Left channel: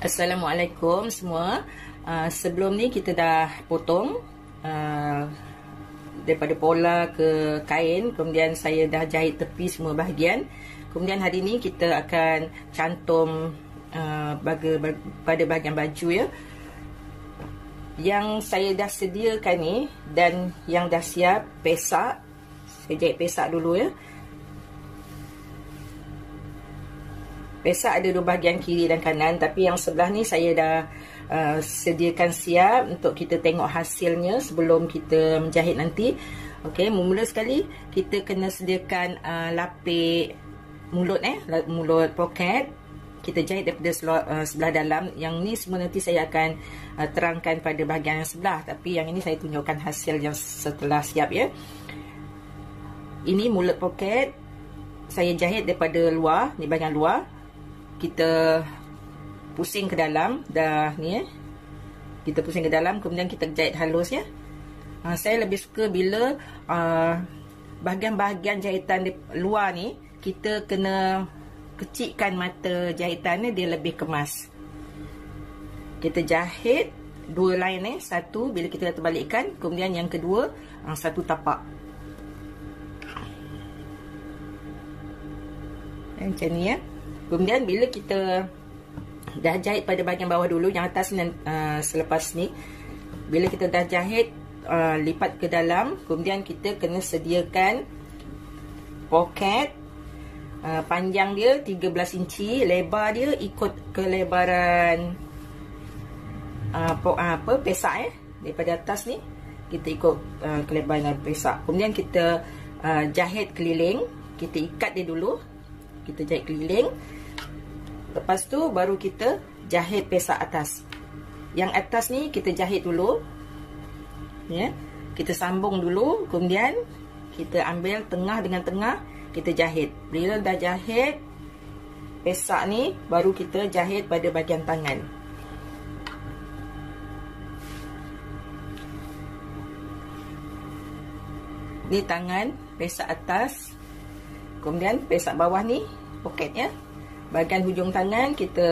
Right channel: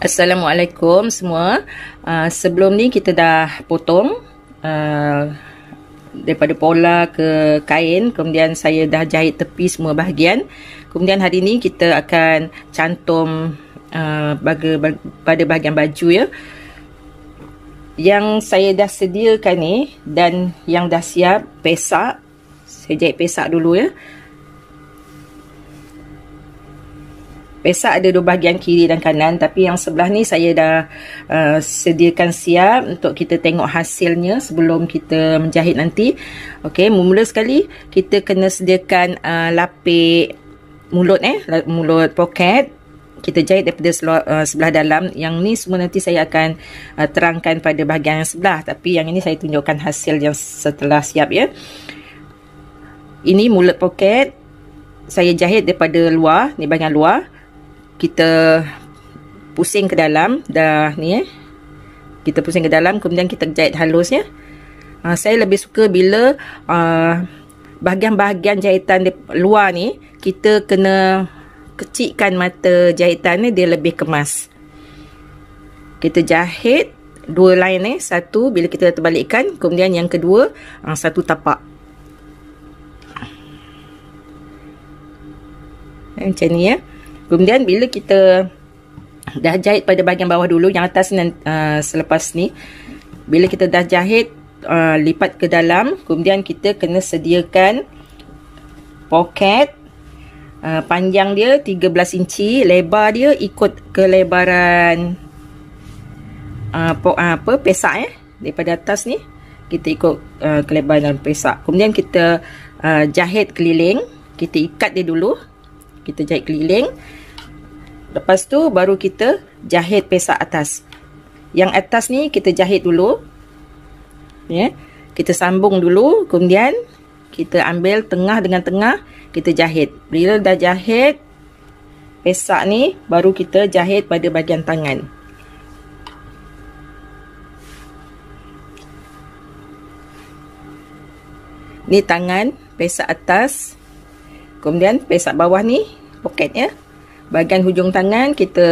Assalamualaikum semua. Sebelum ni kita dah potong daripada pola ke kain, kemudian saya dah jahit tepi semua bahagian. Kemudian hari ni kita akan cantum pada bahagian baju ya. Yang saya dah sediakan ni dan yang dah siap pesak. Saya jahit pesak dulu ya. Pesak ada dua bahagian, kiri dan kanan, tapi yang sebelah ni saya dah sediakan siap untuk kita tengok hasilnya sebelum kita menjahit nanti. Okey, mula sekali kita kena sediakan lapik mulut mulut poket. Kita jahit daripada sebelah dalam. Yang ni semua nanti saya akan terangkan pada bahagian yang sebelah, tapi yang ini saya tunjukkan hasil yang setelah siap ya. Ini mulut poket. Saya jahit daripada luar, ni bahagian luar. Kita pusing ke dalam dah ni kita pusing ke dalam, kemudian kita jahit halus ya. Saya lebih suka bila bahagian-bahagian jahitan di luar ni kita kena kecikkan mata jahitan ni, dia lebih kemas. Kita jahit dua line ni, satu bila kita terbalikkan, kemudian yang kedua satu tapak macam ni ya. Kemudian bila kita dah jahit pada bahagian bawah dulu, yang atas ni selepas ni, bila kita dah jahit lipat ke dalam, kemudian kita kena sediakan poket. Panjang dia 13 inci, lebar dia ikut kelebaran pesak ya. Daripada atas ni kita ikut kelebaran pesak. Kemudian kita jahit keliling, kita ikat dia dulu. Kita jahit keliling. Lepas tu baru kita jahit pesak atas. Yang atas ni kita jahit dulu. Ya. Kita sambung dulu, kemudian kita ambil tengah dengan tengah, kita jahit. Bila dah jahit pesak ni, baru kita jahit pada bahagian tangan. Ni tangan, pesak atas. Kemudian pesak bawah ni poket ya. Bahagian hujung tangan kita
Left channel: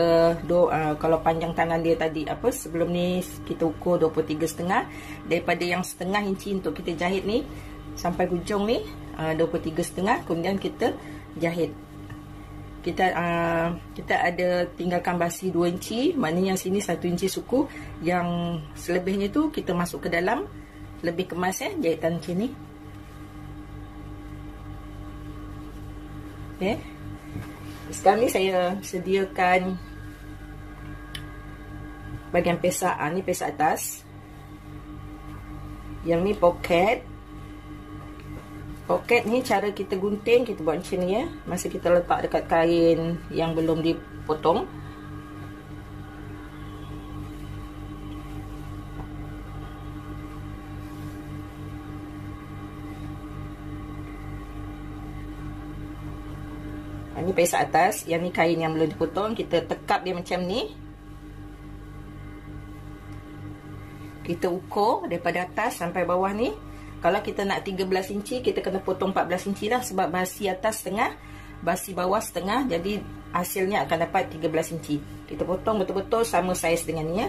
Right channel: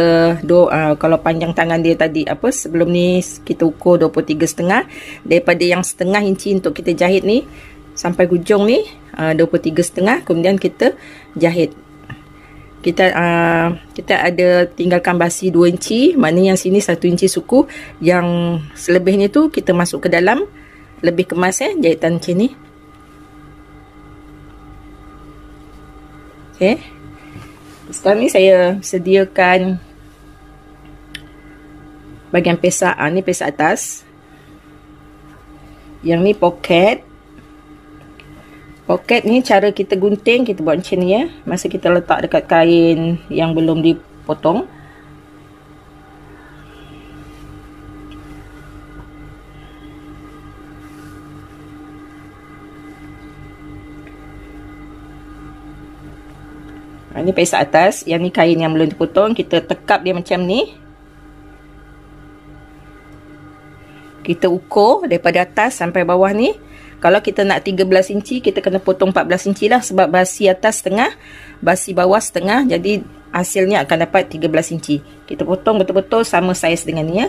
kalau panjang tangan dia tadi sebelum ni kita ukur 23,5. Daripada yang setengah inci untuk kita jahit ni sampai hujung ni 23,5. Kemudian kita jahit. Kita ada tinggalkan basi 2 inci, maknanya yang sini 1 inci suku, yang selebihnya tu kita masuk ke dalam, lebih kemas ya jahitan macam ni. Okey. Sekarang ni saya sediakan bahagian pesak. Ni pesak atas. Yang ni poket. Poket ni cara kita gunting, kita buat macam ni ya. Masa kita letak dekat kain yang belum dipotong. Ini pesak atas, yang ni kain yang belum dipotong, kita tekap dia macam ni. Kita ukur daripada atas sampai bawah ni. Kalau kita nak 13 inci, kita kena potong 14 inci lah, sebab basi atas setengah, basi bawah setengah, jadi hasilnya akan dapat 13 inci. Kita potong betul-betul sama saiz dengan ni ya.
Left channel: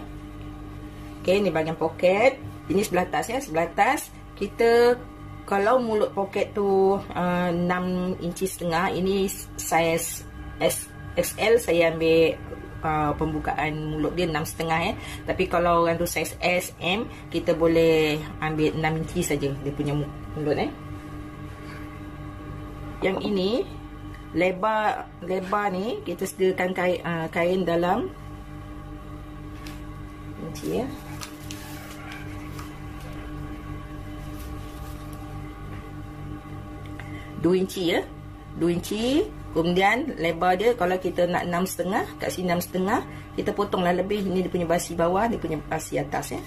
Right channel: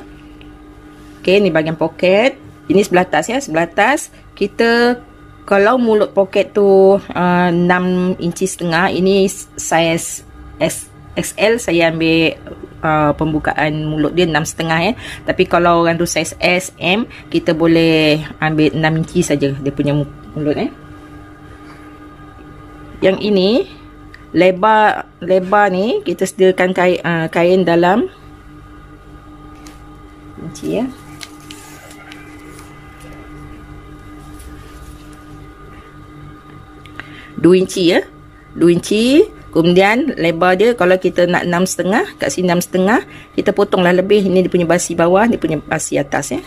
Okey, ni bahagian poket. Ini sebelah atas ya, sebelah atas. Kita kalau mulut poket tu 6 inci setengah, ini saiz XL, saya ambil pembukaan mulut dia 6,5 ya. Tapi kalau orang tu saiz S, M, kita boleh ambil 6 inci saja dia punya mulut Yang ini lebar ni kita sediakan kain dalam inci ya. 2 inci ya. 2 inci. Kemudian lebar dia, kalau kita nak 6,5, kat sini 6,5, kita potonglah lebih. Ini dia punya basi bawah, dia punya basi atas ya.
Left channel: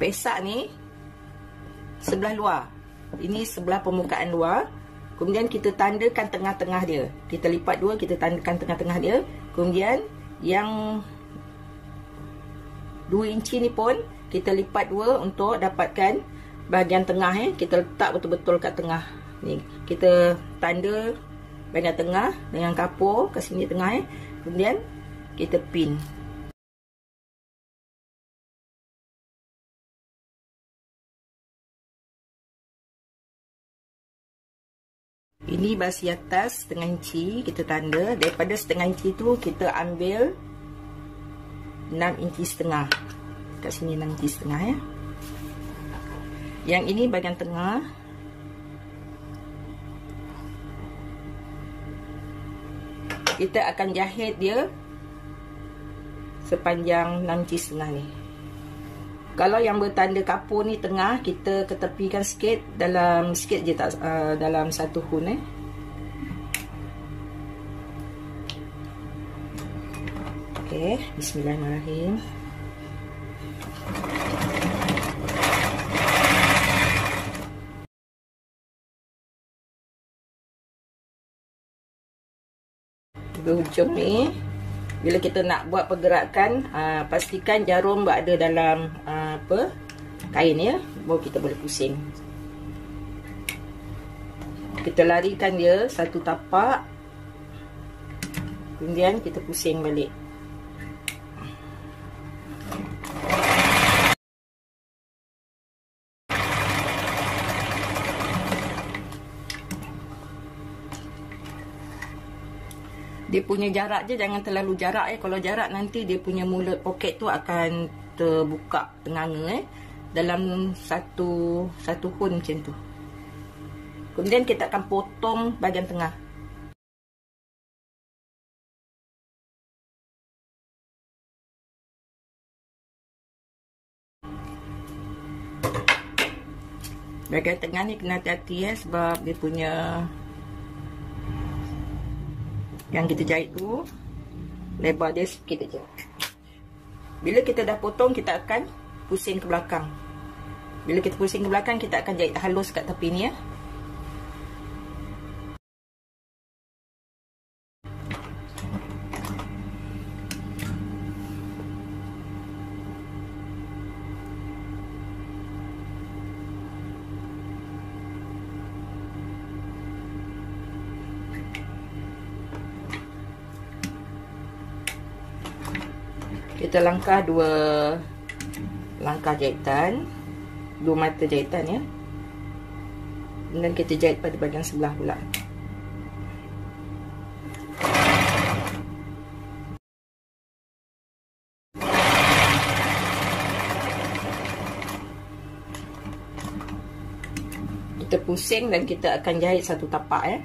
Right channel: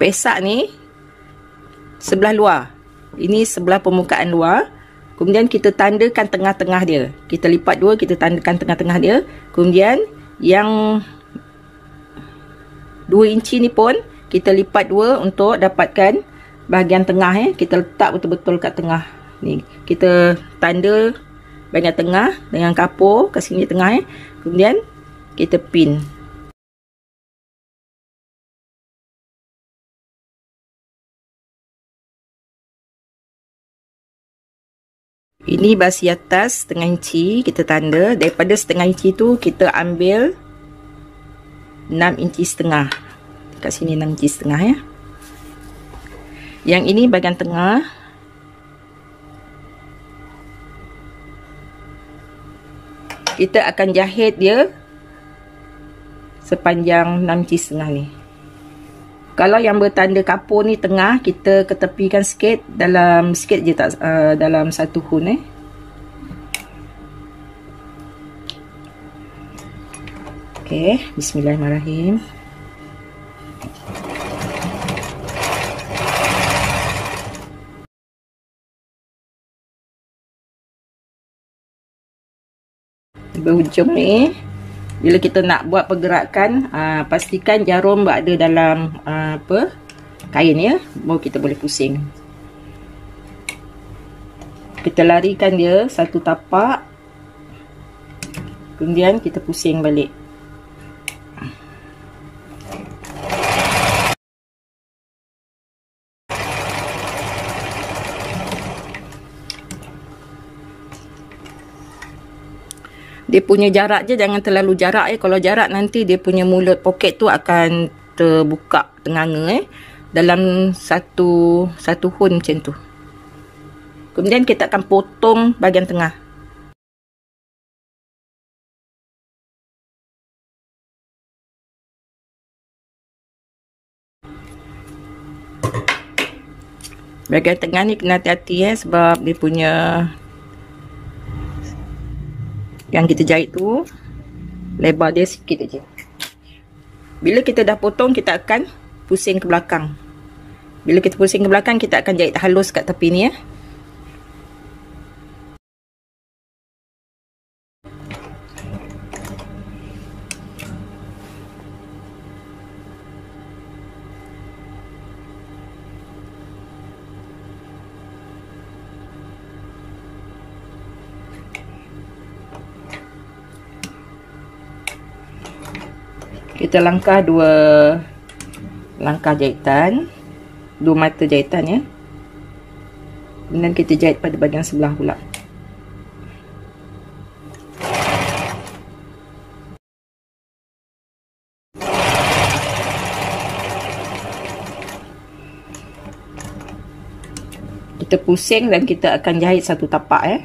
Pesak ni sebelah luar. Ini sebelah permukaan luar. Kemudian kita tandakan tengah-tengah dia. Kita lipat dua, kita tandakan tengah-tengah dia. Kemudian yang 2 inci ni pun kita lipat dua untuk dapatkan bahagian tengah ya. Kita letak betul-betul kat tengah ni. Kita tanda bahagian tengah dengan kapur kat sini tengah ya. Kemudian kita pin. Ini basi atas setengah inci, kita tanda. Daripada setengah inci tu kita ambil 6 inci setengah. Kat sini 6 inci setengah ya. Yang ini bahagian tengah. Kita akan jahit dia sepanjang 6 inci setengah ni. Kalau yang bertanda kapur ni tengah, kita ketepikan sikit, dalam sikit je, tak dalam satu hun Okey, bismillahirrahmanirrahim. Berhujung ni, bila kita nak buat pergerakan, pastikan jarum berada dalam kain ya, baru kita boleh pusing. Kita larikan dia satu tapak, kemudian kita pusing balik. Dia punya jarak je, jangan terlalu jarak Kalau jarak nanti dia punya mulut poket tu akan terbuka tenganga dalam satu hun macam tu. Kemudian kita akan potong bahagian tengah. Bahagian tengah ni kena hati-hati sebab dia punya yang kita jahit tu lebar dia sikit aja. Bila kita dah potong, kita akan pusing ke belakang. Bila kita pusing ke belakang, kita akan jahit halus kat tepi ni ya. Kita langkah 2 langkah jahitan, 2 mata jahitan ya. Dan kita jahit pada bahagian sebelah pula. Kita pusing dan kita akan jahit satu tapak ya.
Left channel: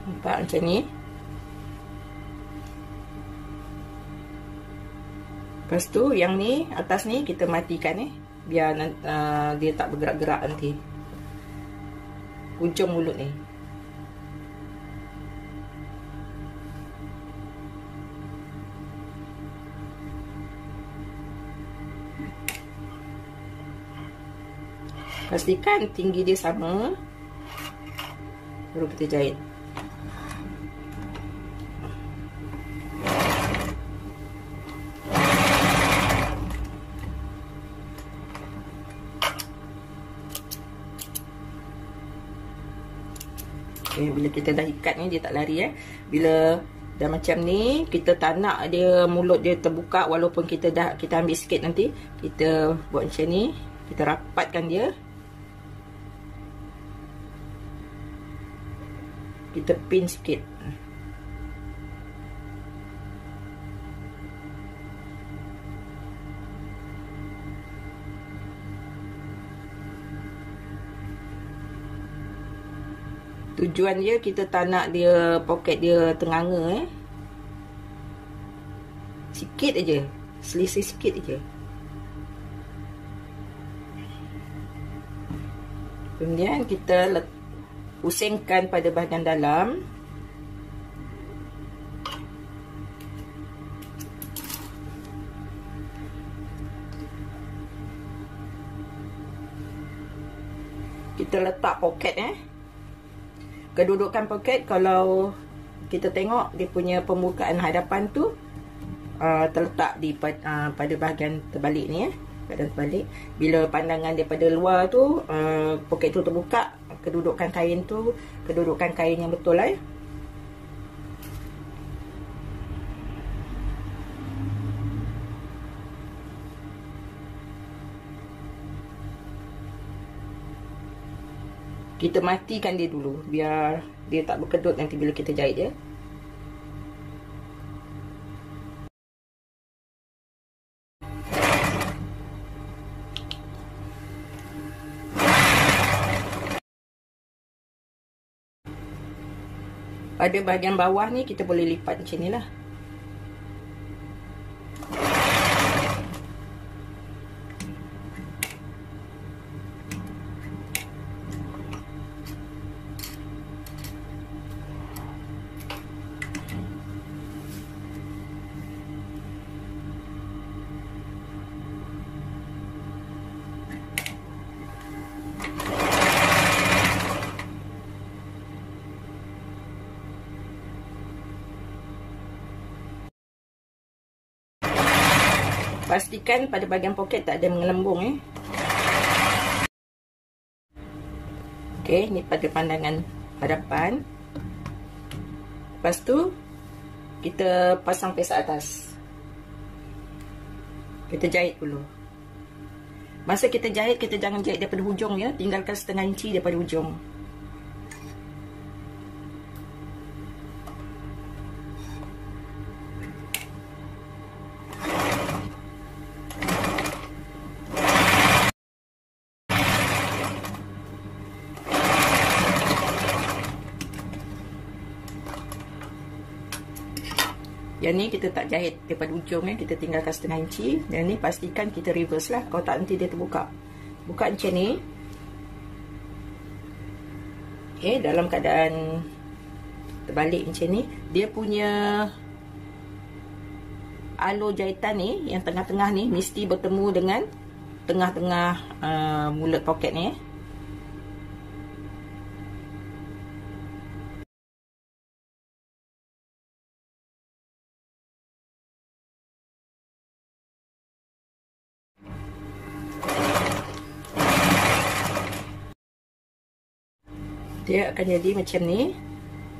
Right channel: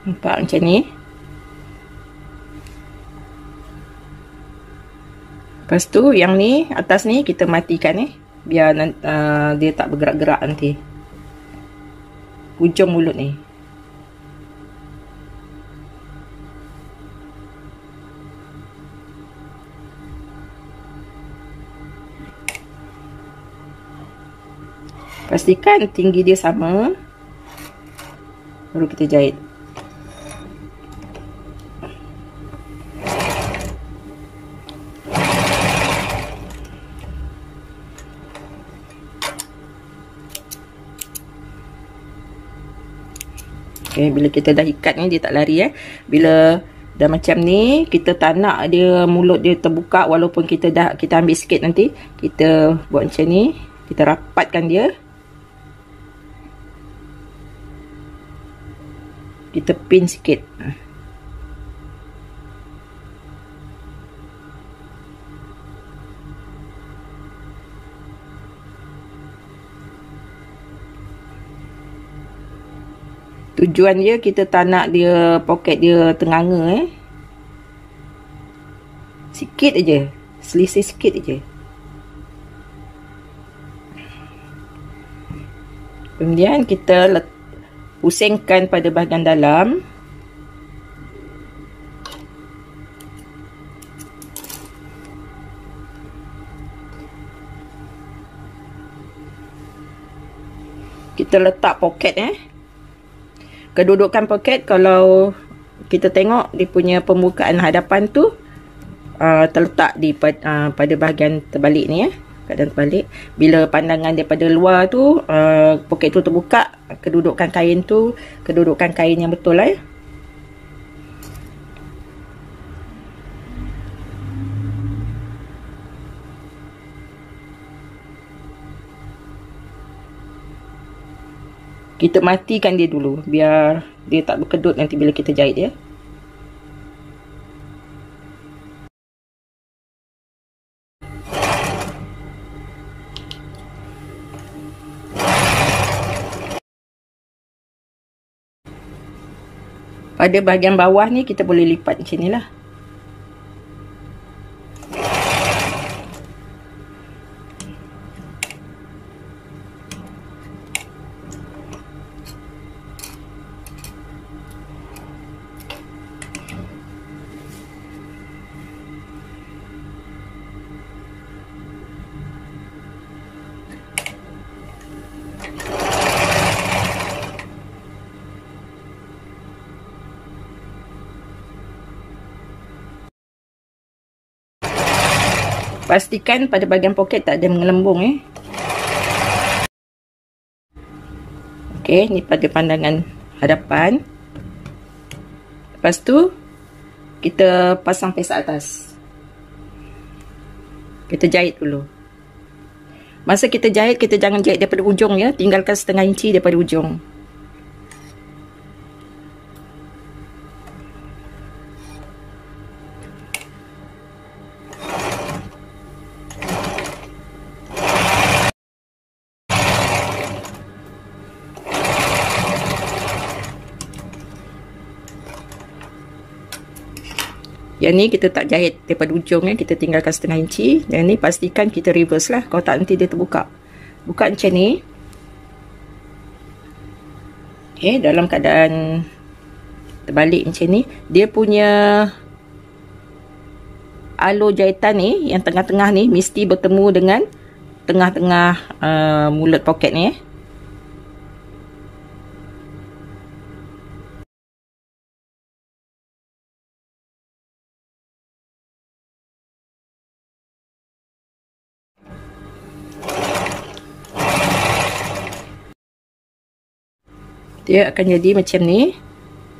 Nampak macam ni. Lepas tu yang ni, atas ni kita matikan biar dia tak bergerak-gerak nanti. Hujung mulut ni. Pastikan tinggi dia sama, baru kita jahit. Okay, bila kita dah ikat ni, dia tak lari Bila dah macam ni, kita tak nak dia mulut dia terbuka, walaupun kita ambil sikit nanti, kita buat macam ni, kita rapatkan dia. Kita pin sikit. Tujuan dia, kita tak nak dia poket dia tenganga Sikit aja. selisih sikit je. Kemudian kita pusingkan pada bahagian dalam. Kita letak poket kedudukan poket, kalau kita tengok dia punya pembukaan hadapan tu terletak di pada bahagian terbalik ni keadaan terbalik. Bila pandangan daripada luar tu poket tu terbuka, kedudukan kain tu kedudukan kain yang betul Kita matikan dia dulu biar dia tak berkedut nanti bila kita jahit dia. Pada bahagian bawah ni kita boleh lipat macam ni lah. Pastikan pada bahagian poket tak ada mengelembung Okey, ni pada pandangan hadapan. Lepas tu kita pasang pesak atas. Kita jahit dulu. Masa kita jahit, kita jangan jahit daripada ujung tinggalkan setengah inci daripada ujung. Yang ni kita tak jahit daripada ujung kita tinggalkan setengah inci. Yang ni pastikan kita reverse lah, kalau tak nanti dia terbuka. Buka macam ni. Okey, dalam keadaan terbalik macam ni, dia punya alur jahitan ni yang tengah-tengah ni mesti bertemu dengan tengah-tengah mulut poket ni Dia akan jadi macam ni.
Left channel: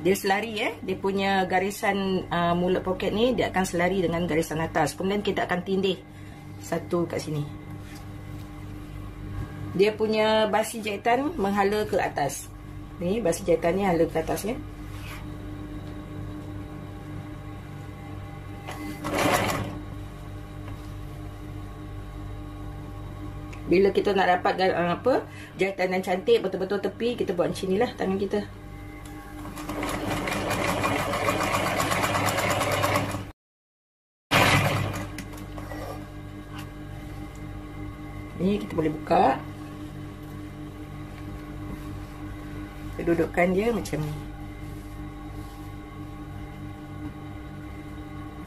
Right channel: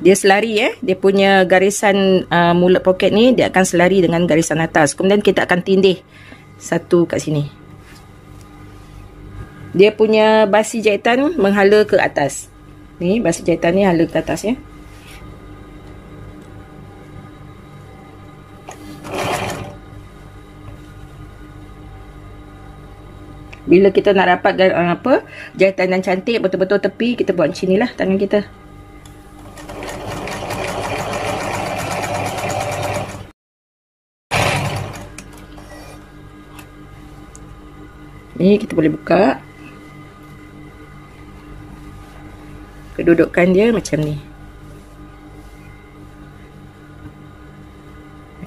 Dia selari dia punya garisan mulut poket ni dia akan selari dengan garisan atas. Kemudian kita akan tindih satu kat sini. Dia punya basi jahitan menghala ke atas. Ni basi jahitan ni hala ke atas Bila kita nak dapat jahitan yang cantik betul-betul tepi, kita buat macam ni lah tangan kita. Ni kita boleh buka. Kedudukan dia macam ni.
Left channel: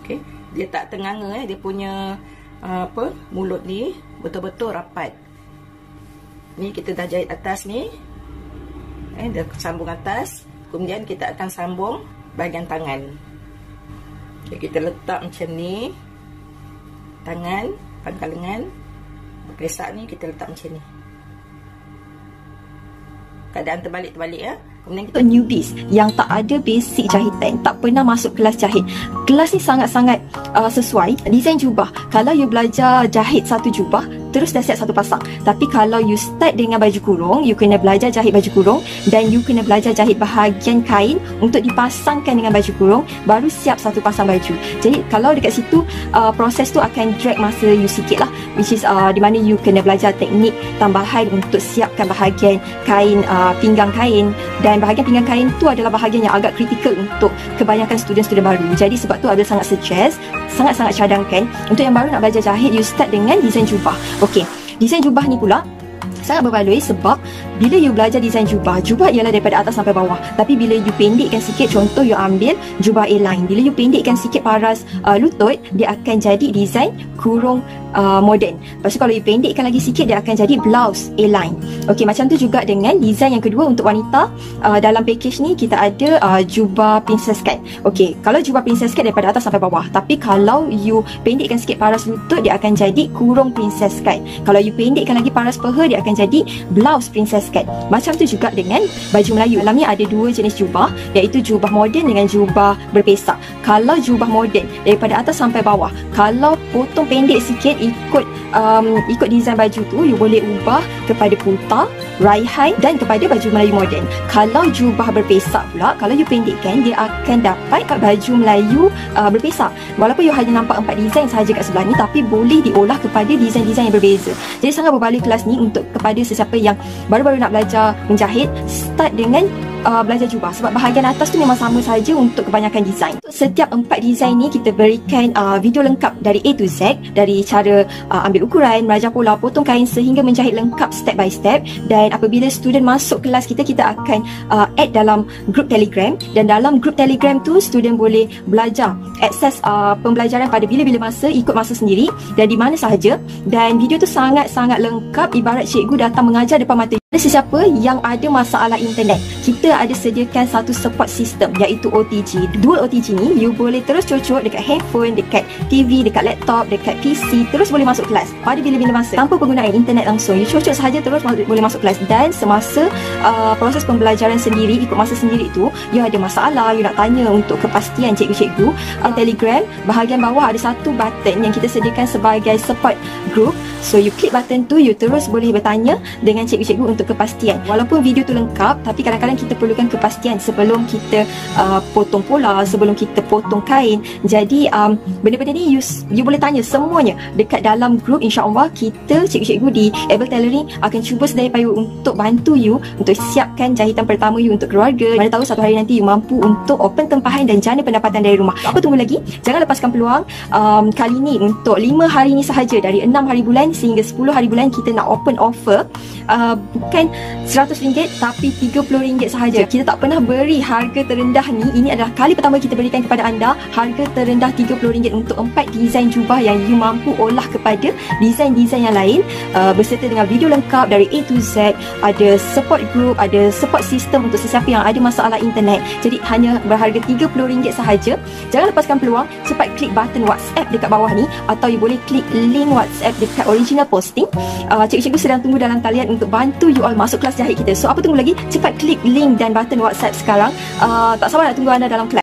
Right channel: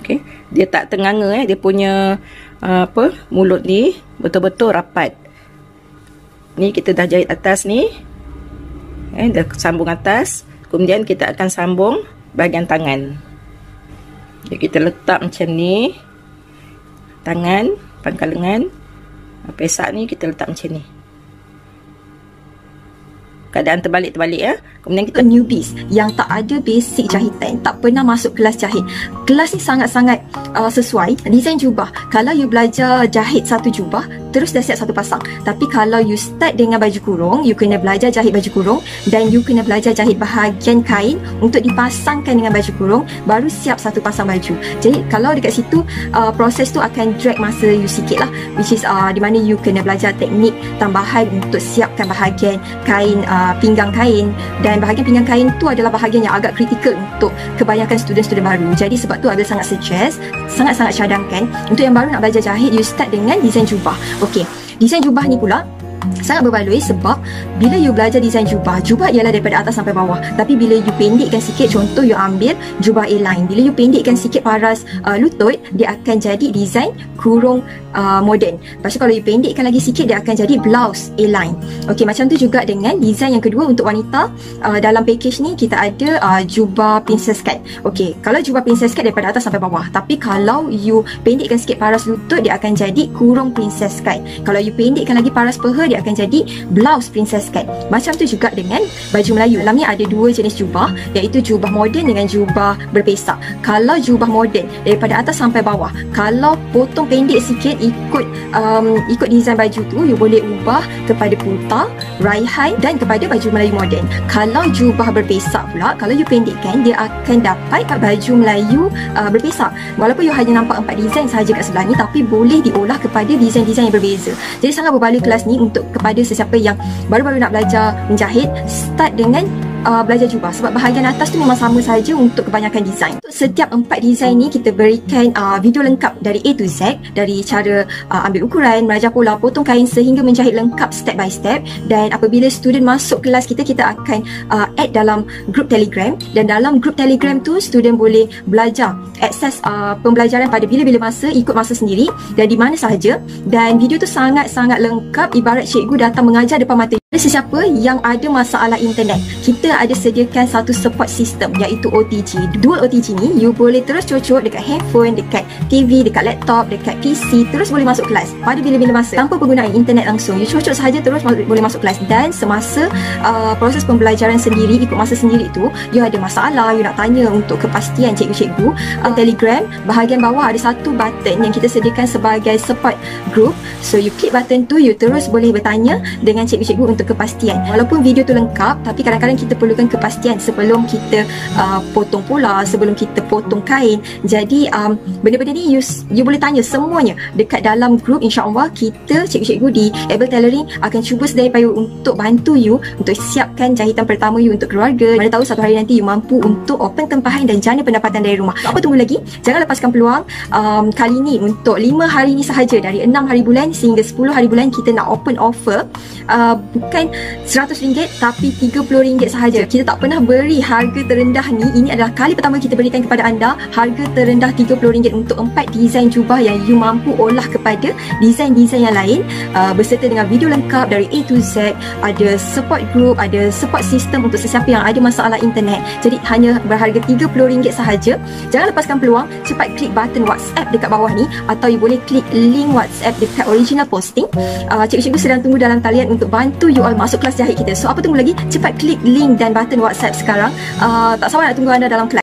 Okey, dia tak tenganga dia punya mulut ni betul-betul rapat. Ni kita dah jahit atas ni. Dah sambung atas. Kemudian kita akan sambung bahagian tangan. Okay, kita letak macam ni. Tangan, pangkal lengan. Pesak ni kita letak macam ni. Keadaan terbalik-terbalik Kemudian kita newbies yang tak ada basic jahitan, tak pernah masuk kelas jahit. Kelas ni sangat-sangat sesuai. Desain jubah. Kalau you belajar jahit satu jubah, terus dah siap satu pasang. Tapi kalau you start dengan baju kurung, you kena belajar jahit baju kurung dan you kena belajar jahit bahagian kain untuk dipasangkan dengan baju kurung, baru siap satu pasang baju. Jadi kalau dekat situ proses tu akan drag masa you sikit lah, which is di mana you kena belajar teknik tambahan untuk siapkan bahagian kain, pinggang kain. Dan bahagian pinggang kain tu adalah bahagian yang agak kritikal untuk kebanyakan student-student baru. Jadi sebab tu ada sangat suggest, sangat-sangat cadangkan untuk yang baru nak belajar jahit, you start dengan design jubah. Okey, design jubah ni pula sangat berbaloi sebab bila you belajar design jubah ialah daripada atas sampai bawah. Tapi bila you pendekkan sikit, contoh you ambil jubah A-line, bila you pendekkan sikit paras lutut, dia akan jadi design kurung moden. Lepas tu kalau you pendekkan lagi sikit, dia akan jadi blouse A-line. Okey, macam tu juga dengan design yang kedua untuk wanita. Dalam package ni kita ada jubah princess cut. Okey, kalau jubah princess cut daripada atas sampai bawah, tapi kalau you pendekkan sikit paras lutut, dia akan jadi kurung princess cut. Kalau you pendekkan lagi paras peha, dia akan jadi blouse princess cut. Macam tu juga dengan baju Melayu. Dalamnya ada dua jenis jubah, iaitu jubah moden dengan jubah berpesak. Kalau jubah moden daripada atas sampai bawah, kalau potong pendek sikit ikut design baju tu, you boleh ubah kepada putar, raihan dan kepada baju Melayu moden. Kalau jubah berpesak pula, kalau you pendekkan, dia akan dapat baju Melayu berpesak. Walaupun you hanya nampak 4 design sahaja kat sebelah ni, tapi boleh diolah kepada design-design yang berbeza. Jadi sangat berbaloi kelas ni untuk kepada sesiapa yang baru-baru nak belajar menjahit. Start dengan belajar jubah sebab bahagian atas tu memang sama saja untuk kebanyakan design. Setiap 4 design ni kita berikan video lengkap dari A to Z, dari cara ambil ukuran, belajar pola, potong kain sehingga menjahit lengkap step by step. Dan apabila student masuk kelas kita akan add dalam grup Telegram, dan dalam grup Telegram tu student boleh belajar, akses pembelajaran pada bila-bila masa, ikut masa sendiri dan di mana sahaja. Dan video tu sangat-sangat lengkap, ibarat cikgu datang mengajar depan mata. Sesiapa yang ada masalah internet, kita ada sediakan satu support system iaitu OTG. Dual OTG ni you boleh terus cocok dekat handphone, dekat TV, dekat laptop, dekat PC, terus boleh masuk kelas pada bila-bila masa tanpa penggunaan internet langsung. You cocok sahaja terus boleh masuk kelas. Dan semasa proses pembelajaran sendiri, ikut masa sendiri tu, you ada masalah, you nak tanya untuk kepastian cikgu-cikgu, Telegram bahagian bawah ada satu button yang kita sediakan sebagai support group. So you klik button tu, you terus boleh bertanya dengan cikgu-cikgu untuk kepastian. Walaupun video tu lengkap, tapi kadang-kadang kita perlukan kepastian sebelum kita potong pola, sebelum kita potong kain. Jadi benda-benda ni you boleh tanya semuanya dekat dalam grup. InsyaAllah kita cikgu-cikgu di Able Tailoring akan cuba sedaya upaya untuk bantu you untuk siapkan jahitan pertama you untuk keluarga. Mana tahu satu hari nanti you mampu untuk open tempahan dan jana pendapatan dari rumah. Apa tunggu lagi? Jangan lepaskan peluang. Kali ni untuk 5 hari ni sahaja, dari 6 hari bulan sehingga 10 hari bulan, kita nak open offer bukan RM100 tapi RM30 sahaja. Kita tak pernah beri harga terendah ni. Ini adalah kali pertama kita berikan kepada anda harga terendah RM30 untuk 4 desain jubah yang you mampu olah kepada desain-desain yang lain, berserta dengan video lengkap dari A to Z, ada support group, ada support system untuk sesiapa yang ada masalah internet. Jadi hanya berharga RM30 sahaja. Jangan lepaskan peluang. Cepat klik button WhatsApp dekat bawah ni, atau you boleh klik link WhatsApp dekat original posting. Cikgu-cikgu sedang tunggu dalam talian untuk bantu you all masuk kelas jahit kita. So apa tunggu lagi? Cepat klik link dan button WhatsApp sekarang. Tak sabar nak tunggu anda dalam kelas.